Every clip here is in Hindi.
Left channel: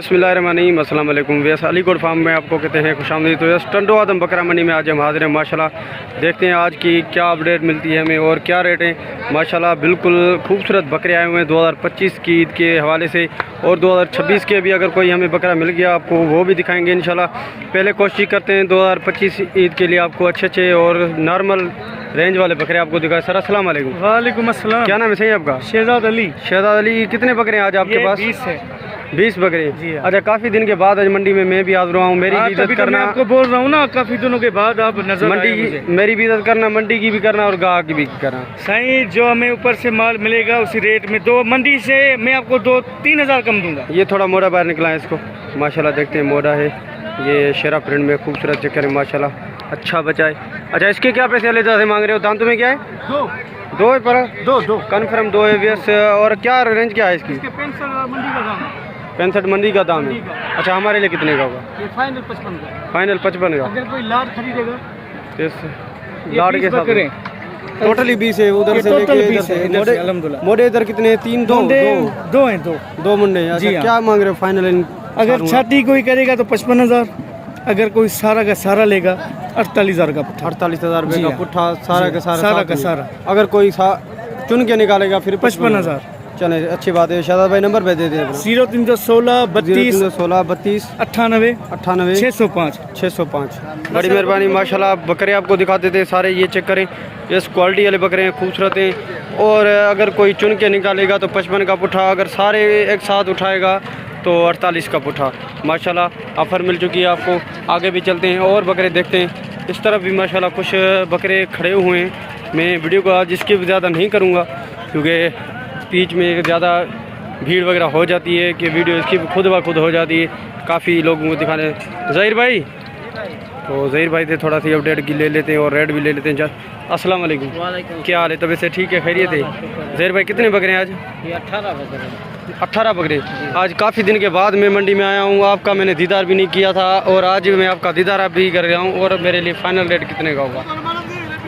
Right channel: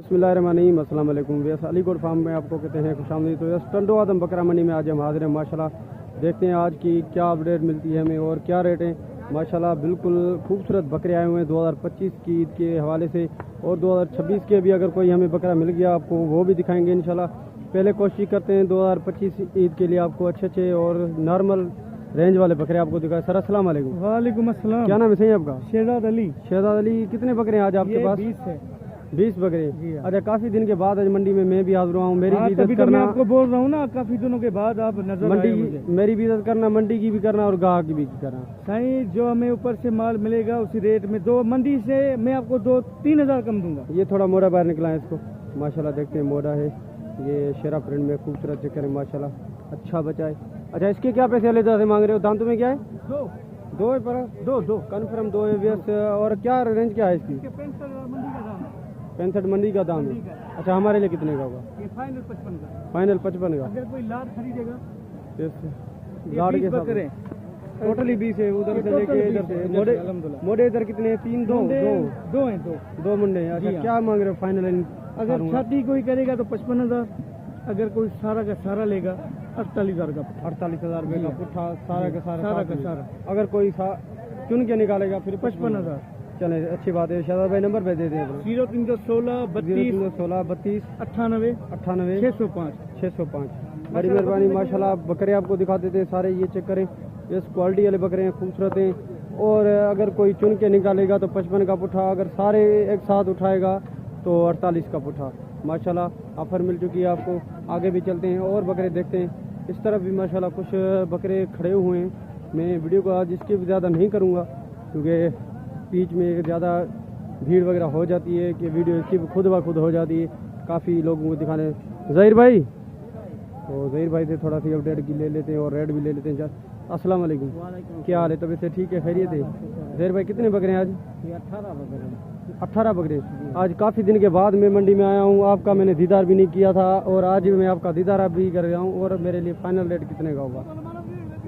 बिस्मिल्लाहिर्रहमानिर्रहीम, अस्सलाम वालेकुम। वैस अलीगढ़ फार्म में आपको कहते हैं खुशामदीद। तो यस टंडो आदम बकरा मंडी में आज हम हाजिर हैं माशाल्लाह। देखते हैं आज की क्या अपडेट मिलती है हमें और क्या रेट हैं। माशाल्लाह बिल्कुल खूबसूरत बकरे आए हुए हैं 2025 की ईद के हवाले से, और 2026 के भी अगर कोई हमें बकरा मिल गया आपको वो भी दिखाएंगे इंशाल्लाह। पहले कोशिश करते हैं 2025 ईद के लिए आपको अच्छे और नॉर्मल रेंज वाले बकरे आपको दिखाए। सर अस्सलाम वालेकुम। वालेकुम अस्सलाम। क्या नाम है सही आपका? शहजाद अली। शहजाद अली, कितने बकरे हैं आज आपके पास? 20 है। 20 बकरे जी हाँ। अच्छा, काफ़ी दिन के बाद आज मंडी में मैं भी हाजिर हुआ हूँ। मेरी भी इज्जत करना, आपको बोल रहा हूँ ना, काफी दिनों के बाद आप नजर मंडी आए की मुझे। मेरी भी इज्जत करना, मंडी की भी करना और गाहक की भी करना। सही, जो हमें ऊपर से माल मिलेगा उसी रेट में, दो मंडी से मैं आपको 2-3 हज़ार कम दूंगा। ये थोड़ा मोड़ा बाहर निकला है इसको, माशाल्लाह देखते हैं मोड़ा है। ये शेरा प्रिंट में खूबसूरत चक्कर है माशाल्लाह, अच्छा बचा है। अच्छा, इसके क्या पैसे अलग से मांग रहे हो? दाम तुम्हें क्या है? दो है पर दो कन्फर्म दो है व्यस। और क्या रेंज क्या है इसकी? 65 मंडी का दाम है। अच्छा, हमारे लिए कितने का होगा? ये फाइनल 55 का। फाइनल 55 का। अगर कोई लाट खरीदेगा इस लाड़ के साथ टोटली 20 है, उधर से लेके इधर से। अल्हम्दुलिल्लाह। मोड़े इधर कितने हैं? तीन दो हैं। दो मुंडे हैं। अच्छा, जी हाँ। क्या मांग रहे हो फाइनल? अगर छाती कोई करेगा तो 55,000, अगर कोई सारा का सारा लेगा 48,000 का पुट्ठा। 48,000 रुपये जी का हाँ। पुट्ठा, सारा का सारा सारा साथ का में। सारा। अगर कोई चुन के निकालेगा फिर 55,000। चले, अच्छी बात है। शादाब भाई नंबर पे दे दें। 0316 32 16 32 98 98 605। 605। बड़ी मेहरबानी माशाल्लाह। बकरे आपको दिखा देते हैं सारे, ये चेक करें। ये क्वालिटी वाले बकरे हैं, खूबसूरत हैं। और अगर कोई चुन के निकालेगा तो 55 का पुट्ठा, अगर सारे एक साथ उठाएगा तो 48 का पुट्ठा। माशाल्लाह ऑफ़र मिल चुकी है आपको। आगे भी चलते हैं और बकरे देखते हैं। इस तरफ भी माशाल्लाह कुछ बकरे खड़े हुए हैं। मैं वीडियो को आज इसकी ज़्यादा नहीं करूँगा क्योंकि बीच में ज़्यादा भीड़ वगैरह हो जाती है कि वीडियो इसकी खुद ब खुद हो जाती है, काफ़ी लोगों को दिखाने। ज़हीर भाई, तो ज़हीर भाई से थोड़ा सी अपडेट की ले लेते हैं और रेट भी ले लेते हैं। अस्सलाम वालेकुम। क्या हाल है? तबीयत से ठीक है? खैरियत है? ज़हीर भाई कितने बकरे हैं आज? ये 18 बकरे। 18 बकरे। आज काफ़ी दिन के बाद मैं मंडी में आया हूँ। आपका मैंने दीदार भी नहीं किया था और आज मैं आपका दीदार भी कर रहा हूँ। और मेरे लिए फ़ाइनल रेट कितने का होगा?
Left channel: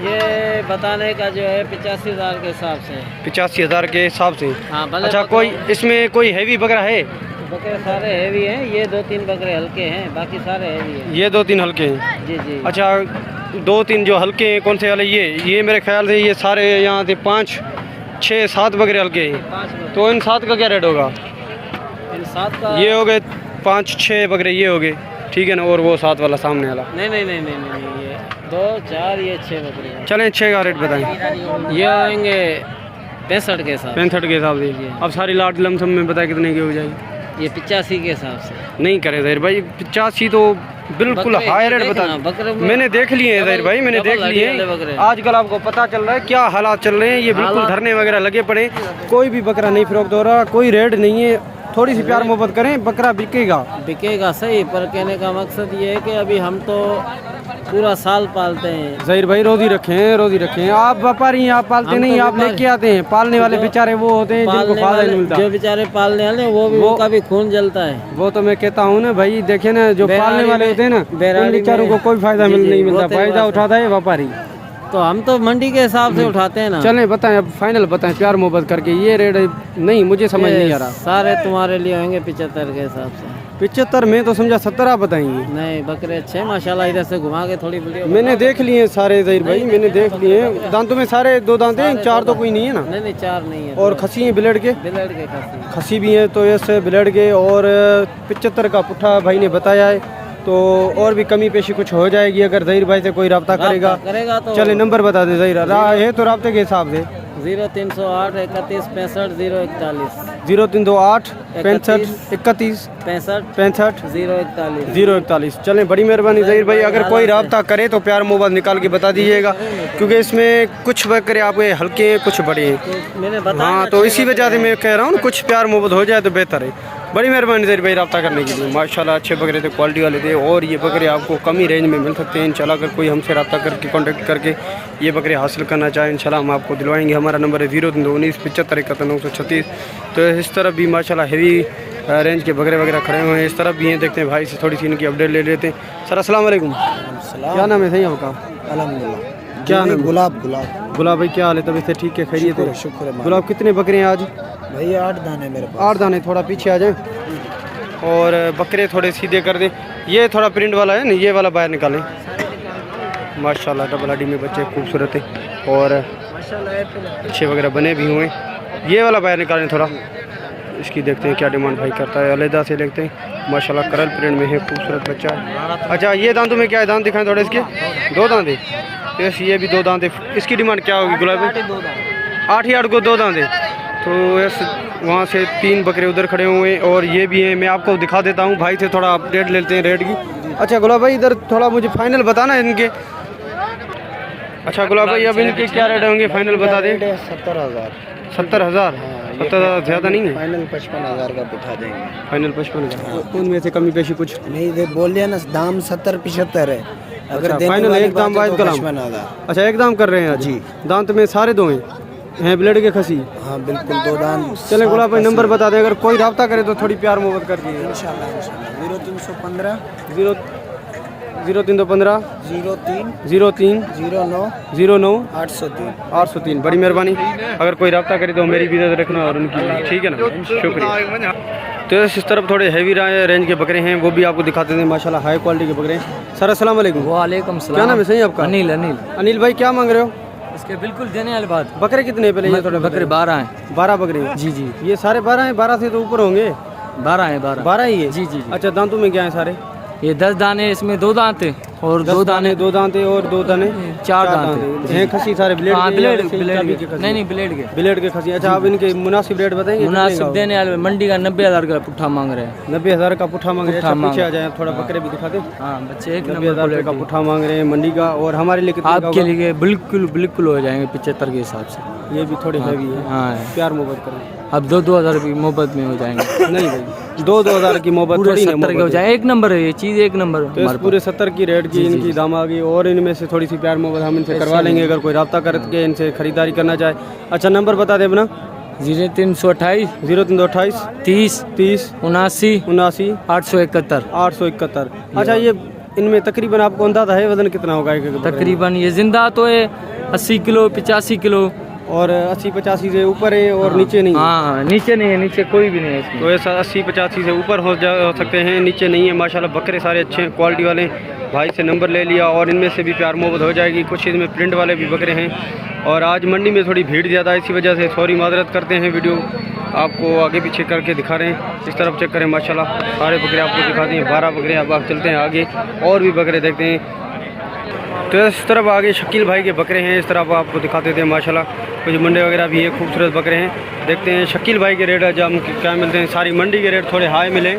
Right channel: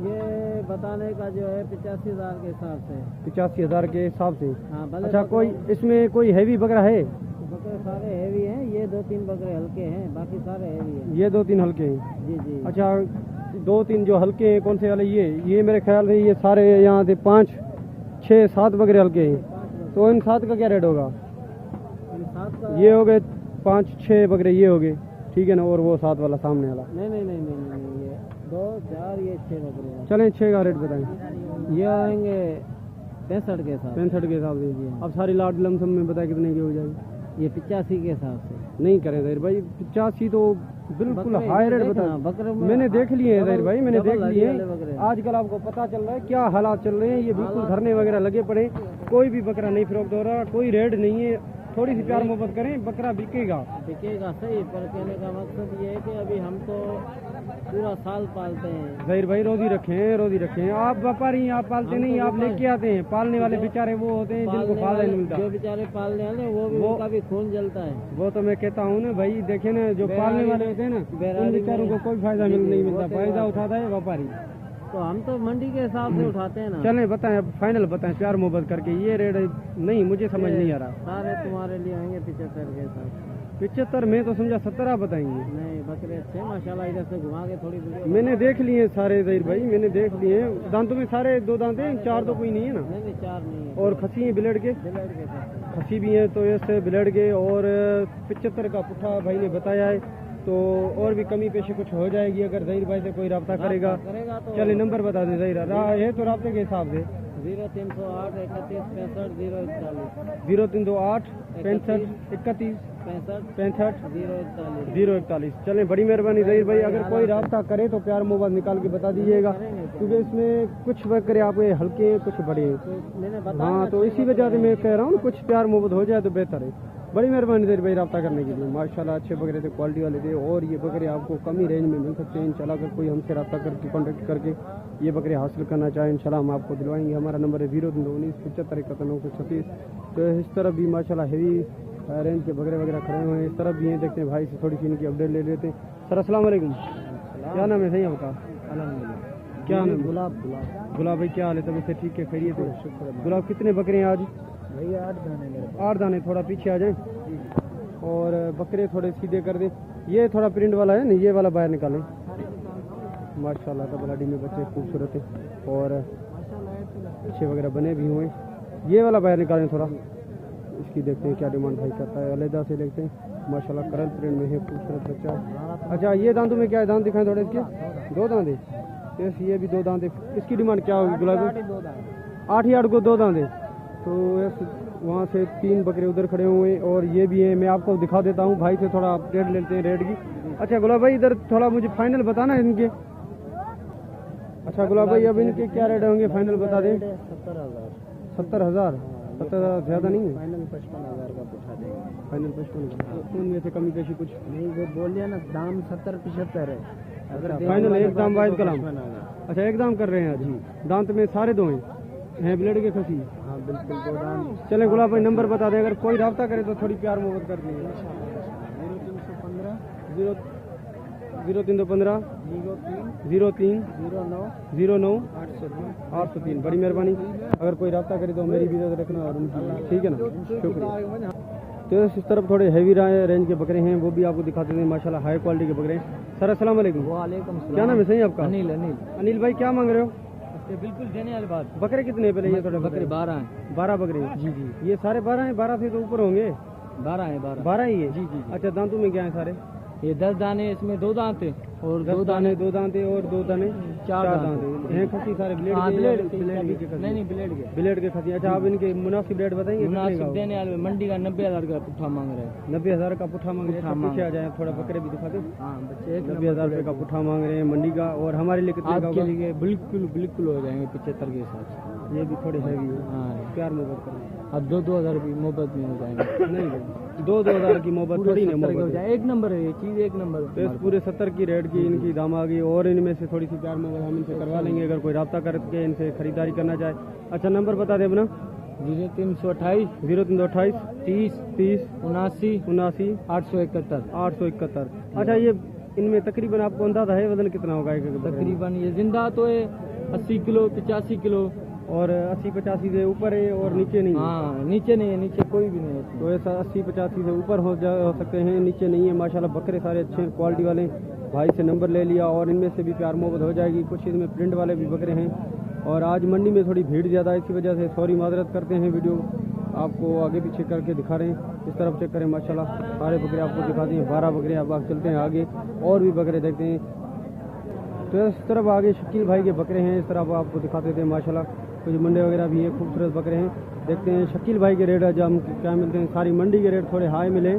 ये बताने का जो है 85,000 के हिसाब से। 85,000 के हिसाब से। हाँ, अच्छा, कोई इसमें कोई हैवी बकरा है? बकरे सारे हैवी हैं। ये 2-3 बकरे हल्के हैं, बाकी सारे हैवी हैं। ये 2-3 हल्के हैं। जी जी। अच्छा, 2-3 जो हल्के हैं कौन से वाले? ये मेरे ख्याल से ये सारे यहाँ से 5 6 7 बकरे हल्के हैं। 5 बकरे। तो इन 7 का क्या रेट होगा? इन 7 का ये हो गए 5-6 बकरे, ये हो गए, ठीक है ना? और वो 7 वाला सामने वाला? नहीं, ये 2-4, ये 6 बकरे हैं। चलें, 6 का रेट बताएं। ये आएंगे 65 के साथ। 65 के हिसाब से। अब सारी लाट लमसम में बताए कितने की हो जाएगी? ये 85 के हिसाब से। नहीं करें ज़हीर भाई, 85 तो बिल्कुल बकरे हाई रेट देखना, बता। बकरे में मैंने देख लिए हैं ज़हीर भाई, मैंने डबल देख लिए हड्डी वाले बकरे। हैं। आजकल आपको पता चल रहा है क्या हालात चल रहे हैं। ये बिल्कुल धरने वगैरह लगे पड़े, कोई भी बकरा नहीं फरोख्त हो रहा, कोई रेट नहीं है। थोड़ी सी प्यार मोहब्बत करें, बकरा बिकेगा सही। पर कहने का मकसद ये है कि अभी हम तो पूरा साल पालते हैं। ज़हीर भाई। रोज़ी रखें। आप व्यापारी हैं, आप पालते नहीं, आप लेके आते हैं। पालने वाले बेचारे वो होते हैं जिनको फायदा नहीं मिलता। जो बेचारे पालने वाले वो का भी खून जलता है। वो तो मैं कहता हूँ ना भाई, देखे ना, जो पालने वाले होते हैं ना, उन बेचारों को कोई फायदा नहीं मिलता। फायदा उठाता है व्यापारी। तो हम तो मंडी के हिसाब से उठाते हैं ना। चलें, बताएं अब फाइनल बताएं प्यार मोहब्बत करके। ये रेट नहीं, मुझे समझ नहीं आ रहा। सारे तुम्हारे लिए होंगे 75 के हिसाब से। 75 में तो समझा 17 आप बताएंगे। नहीं, बकरे अच्छे माशाल्लाह। इधर से घुमा के थोड़ी वीडियो मैंने देख लिए हैं सारे ज़हीर भाई, मैंने देख लिए हैं। दांतों में सारे 2 दांत हैं, 4 तो कोई नहीं है ना? नहीं 4 नहीं है। और खसी हैं ब्लेड के? ब्लेड के खसी भी हैं, तो ऐसे ब्लेड के। और 75 का पुट्ठा भाई ने बताया है। तो और भी कमी पेशी कुछ हो जाएगी अगर ज़हीर भाई से कोई रब्ता करेगा तो। चले, नंबर बता दें ज़हीर है तो रब्ते के हिसाब से। 0308 31 65 041 0328 65 31 65 041। चलें, बड़ी मेहरबानी ज़हीर भाई। अगर कोई रब्ता करे तो प्यार मोहब्बत निकाल के बता दीजिएगा क्योंकि इसमें कुछ बकरे आपके हल्के हैं, कुछ बड़े हैं। हाँ, तो इसी वजह से मैं कह रहा हूँ ना, कुछ प्यार मोहब्बत हो जाए तो बेहतर है। बड़ी मेहरबानी ज़हीर भाई रब्ता करने के लिए। माशाल्लाह अच्छे बकरे थे, क्वालिटी वाले थे। और ये बकरे आपको कम ही रेंज में मिल सकते हैं इंशाल्लाह। अगर कोई हमसे रब्ता करके कॉन्टेक्ट करके ये बकरे हासिल करना चाहे इंशाल्लाह हम आपको दिलवाएंगे। हमारा नंबर है 0319 75 71 936। तो इस तरफ भी माशाल्लाह हेवी रेंज के बकरे वगैरह खड़े हुए हैं। इस तरफ भी हैं, देखते हैं भाई से थोड़ी सी इनकी अपडेट ले लेते हैं। सर अस्सलाम वालेकुम। क्या नाम है सही आपका? अल्हम्दुलिल्लाह। क्या नाम? गुलाब भाई। क्या हाल है? तबीयत से ठीक है? खैरियत है? शुक्र है। गुलाब कितने बकरे हैं आज? भैया 8 दाने मेरे पास। 8 दाने। थोड़ा पीछे आ जाएं। और बकरे थोड़े सीधे कर दें। ये थोड़ा प्रिंट वाला है ना, ये वाला बाहर निकालें। माशाल्लाह डबल हड्डी में बच्चे खूबसूरत है और अच्छे वगैरह बने भी हुए। ये वाला बाहर निकालें थोड़ा, इसकी देखते हैं क्या डिमांड भाई करता है। अलहदा से देखते हैं, माशाल्लाह करल प्रिंट में है, खूबसूरत बच्चा है। अच्छा ये दांतों में क्या है, दांत दिखाएं थोड़े इसके। 2 दांत है, यस ये भी 2 दांत है। इसकी डिमांड क्या होगी गुलाबी? 8,000 को 2 दांत है। तो यस वहाँ से 3 बकरे उधर खड़े हुए हैं और ये भी हैं। मैं आपको दिखा देता हूँ, भाई से थोड़ा अपडेट लेते हैं रेट की। अच्छा गुलाब भाई इधर थोड़ा मुझे फाइनल बताना है इनके। अच्छा गुलाब भाई अब इनके क्या रेट होंगे, फाइनल बता दें। 70,000। 70,000 ज़्यादा नहीं है? फाइनल 55,000 का बिठा देंगे। फाइनल 55,000। उनमें से कमी पेशी कुछ नहीं दे बोल दिया ना, दाम 70-75 है। अगर फाइनल एक दाम वाहिद कलाम। अच्छा एक दाम कर रहे हैं जी। दांत में सारे 2 हैं ब्लेड के खसी? हाँ बिल्कुल 2 दांत। चले गुलाब भाई नंबर बता दें, अगर कोई रब्ता करे तो थोड़ी प्यार मोहब्बत कर दीजिए। 0315 0315 03 09 09 803। बड़ी मेहरबानी, अगर कोई रब्ता करे तो मेरी भी इज्जत रखना और उनकी भी, ठीक है ना, शुक्रिया। तो इस तरफ थोड़े हैवी रेंज के बकरे हैं, वो भी आपको दिखाते हैं। माशाल्लाह हाई क्वालिटी के बकरे हैं। सर अस्सलाम वालेकुम। वालेकुम सलाम। क्या नाम है सही आपका? अनिल। अनिल भाई क्या मांग रहे हो? इसके बिल्कुल देने वाली बात। बकरे कितने पहले ये थोड़े बकरे 12 हैं। 12 बकरे हैं? जी जी ये सारे 12 हैं? 12 से तो ऊपर होंगे। 12 हैं। 12 ही है? जी जी। अच्छा दांतों में क्या है सारे? ये 10 दाने, इसमें 2 दांत है और 2 दाने 2 दांते और 2 दाने 4 दांत हैं। खसी सारे ब्लेड हाँ, के? ब्लेड या ब्लेड के खसी? नहीं ब्लेड के। ब्लेड के खसी। अच्छा आप इनके मुनासिब रेट बताएंगे? मुनासिब देने वाले मंडी का 90,000 का पुट्ठा मांग रहे हैं। 90,000 का पुट्ठा मांग रहे हैं। पुट्ठा अच्छा पीछे आ मांग जाए, थोड़ा बकरे भी दिखा दे। हाँ बच्चे एक 90,000 रुपये का पुट्ठा मांग रहे हैं मंडी का। और हमारे लिए कितने का आपके होगा? लिए बिल्कुल हो जाएंगे 75 के हिसाब से। ये भी थोड़े हैवी है। हाँ प्यार मोहब्बत करें। अब 2-2 हज़ार की मोहब्बत में हो जाएंगे। नहीं भाई 2-2 की मोहब्बत पूरे थोड़ी ना 70 के हो मोहब्बत है। जाए। एक नंबर है ये चीज़, एक नंबर। तो इस पूरे 70 की रेट की इनकी दाम आ गई और इनमें से थोड़ी सी प्यार मोहब्बत हम इनसे करवा लेंगे, अगर कोई रब्ता करके इनसे खरीदारी करना चाहे। अच्छा नंबर बता दें अपना। 0328 0328 30 30 79 79 871। 871। अच्छा ये इनमें तकरीबन आपको अंदाजा है वजन कितना होगा एक बकरे में? तकरीबन ये जिंदा तो है 80 किलो 85 किलो और 80-85 से ऊपर है और नीचे नहीं है? हाँ नीचे नहीं है, नीचे कोई भी नहीं है इसमें। तो ऐसा 80-85 से ऊपर हो सकते हैं, नीचे नहीं है। माशाल्लाह बकरे सारे अच्छे हैं, क्वालिटी वाले हैं। भाई से नंबर ले लिया और इनमें से भी प्यार मोहब्बत हो जाएगी। कुछ इसमें प्रिंट वाले भी बकरे हैं और आज मंडी में थोड़ी भीड़ ज़्यादा है, इसी वजह से सॉरी माजरत करते हैं। वीडियो आपको आगे पीछे करके दिखा रहे हैं। इस तरफ चेक करें, माशाल्लाह सारे बकरे आपको दिखा दिए। 12 बकरे। अब आप चलते हैं आगे और भी बकरे देखते हैं। तो इस तरफ आगे शकील भाई के बकरे हैं, इस तरफ आपको दिखाते थे। माशाल्लाह कुछ मंडे वगैरह भी है, खूबसूरत बकरे हैं। देखते हैं शकील भाई के रेट आज हम क्या मिलते हैं। सारी मंडी के रेट थोड़े हाई मिले।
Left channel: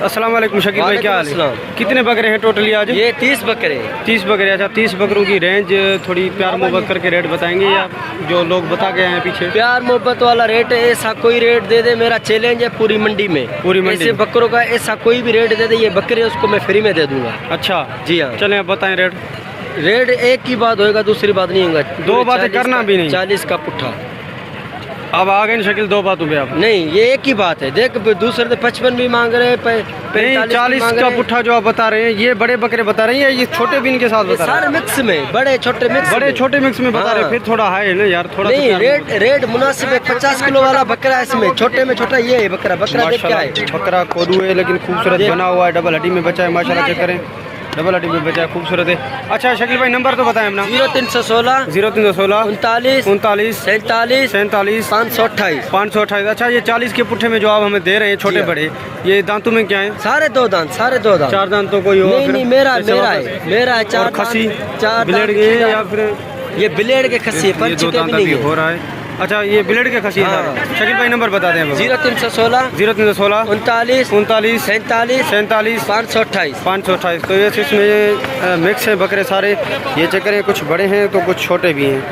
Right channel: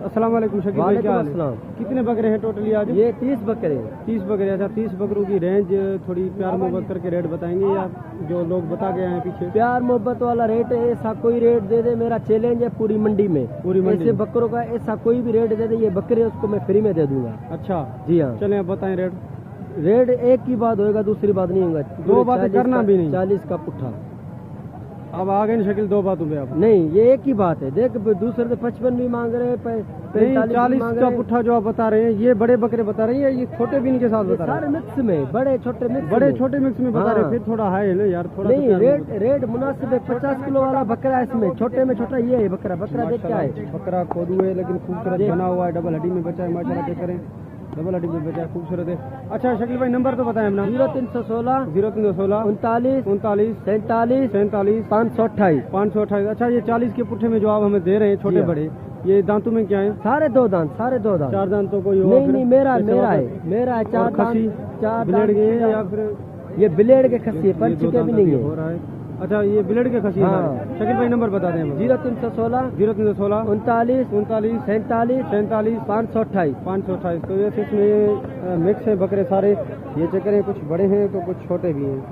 अस्सलाम वालेकुम शकील भाई, क्या हाल है? कितने बकरे हैं टोटली आज? ये 30 बकरे। 30 बकरे। अच्छा 30 बकरों की रेंज थोड़ी प्यार मोहब्बत करके रेट बताएंगे या जो लोग बता गए हैं पीछे? प्यार मोहब्बत वाला रेट है, ऐसा कोई रेट दे दे, मेरा चैलेंज है पूरी मंडी में। पूरी मंडी ऐसे बकरों का ऐसा कोई भी रेट दे दे, ये बकरे उसको मैं फ्री में दे दूंगा। अच्छा जी हाँ। चलें अब बताएं रेट। रेट एक ही बात होएगा, दूसरी बात नहीं होगा। 2 बातें करना भी नहीं। 40 का पुट्ठा। अब आ गए शकील 2 बातों पे आप? नहीं ये एक ही बात है। देख दूसरे तो 55 भी मांग रहे हैं, 40 का पुट्ठा जो आप बता रहे हैं, ये बड़े बकरे बता रहे हैं, ये छोटे भी इनके साथ बता रहे हैं? सारे मिक्स में, बड़े छोटे मिक्स बड़े में। छोटे मिक्स में बता रहे हैं। फिर थोड़ा हाई है ना यार, थोड़ा नहीं रेट मुनासिब है। 50 किलो वाला बकरा है इसमें, छोटे में छोटा ये है बकरा। देख क्या है, बकरा कोदू है लेकिन खूबसूरत बना हुआ है, डबल हड्डी में बचा है। माशाल्लाह चेक करें, डबल हड्डी में बचा है, खूबसूरत है। अच्छा शकील भाई नंबर तो बताएं अपना। 0316 0316 39 39 47 47 528 528। अच्छा ये 40 के पुट्ठे में जो आप हमें दे रहे हैं छोटे बड़े, ये दांतों में क्या है? सारे 2 दांत, सारे 2 दांत। 4 दांत तो कोई हो? नहीं मेरा है, मेरा है 4 खसी 4 ब्लेड के या फिर ये ब्लेड के खसी है, पर्ची के भी नहीं है। हो रहा है। अच्छा ये ब्लेड के खसी है। शकील भाई नंबर बता दें। 0316 0316 39 39 47 47 528 528। तो ये इसमें मिक्स है बकरे सारे। ये चेक करें, कुछ बड़े हैं तो कुछ छोटे भी हैं।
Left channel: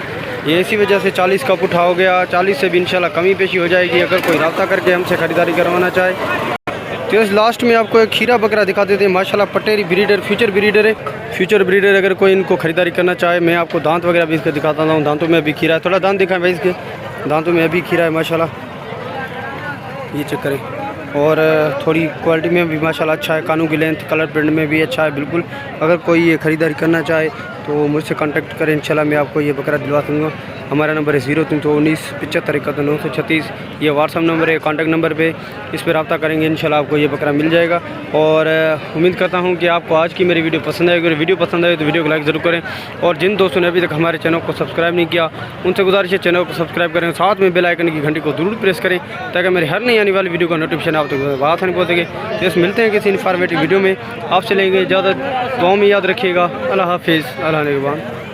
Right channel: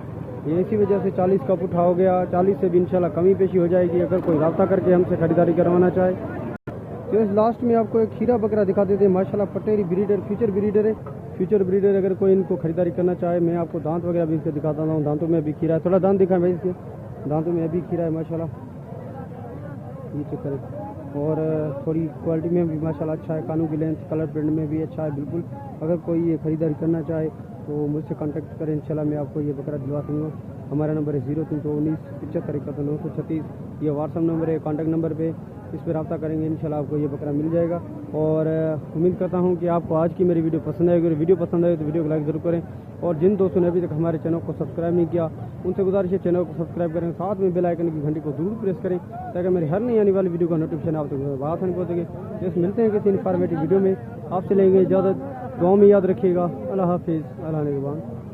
ये इसी वजह से 40 का पुट्ठा हो गया। 40 से भी इंशाल्लाह कमी पेशी हो जाएगी अगर कोई रब्ता करके हमसे ख़रीदारी करवाना चाहे। तो इस लास्ट में आपको एक खीरा बकरा दिखा देते हैं। माशाल्लाह पटेरी ब्रीडर, फ्यूचर ब्रीडर है। फ्यूचर ब्रीडर अगर कोई इनको खरीदारी करना चाहे, मैं आपको दांत वगैरह भी इसके दिखाता हूँ। दांतों में अभी खीरा है, थोड़ा दांत दिखाएं भाई इसके। दांतों में अभी खीरा है माशाल्लाह। ये चेक करें, और थोड़ी क्वालिटी में भी माशाल्लाह अच्छा है। कानों की लेंथ कलर प्रिंट में भी अच्छा है बिल्कुल। अगर कोई ये ख़रीदारी करना चाहे तो मुझसे कांटेक्ट करें, इंशाल्लाह मैं आपको ये बकरा दिलवा दूँगा। हमारा नंबर है 0319 75 71 936। ये व्हाट्सअप नंबर है, कांटेक्ट नंबर पे इस पर रब्ता करेंगे, इंशाल्लाह आपको ये बकरा मिल जाएगा। और उम्मीद करता हूँ कि आपको आज की मेरी वीडियो पसंद आएगी। अगर वीडियो पसंद आए तो वीडियो को लाइक ज़रूर करें, और जिन दोस्तों ने अभी तक हमारे चैनल को सब्सक्राइब नहीं किया उनसे गुजारिश है चैनल को सब्सक्राइब करें, साथ में बेल आइकन की घंटी को जरूर प्रेस करें ताकि मेरी हर नई आने वाली वीडियो का नोटिफिकेशन आप तक बात नहीं पहुँचेगी। तो मिलते हैं किसी इन्फॉर्मेटिव वीडियो में, आपसे लेंगे इजाज़त। दुआ में याद रखिएगा। अल्लाह हाफिज़। अल्लाह निगहबान।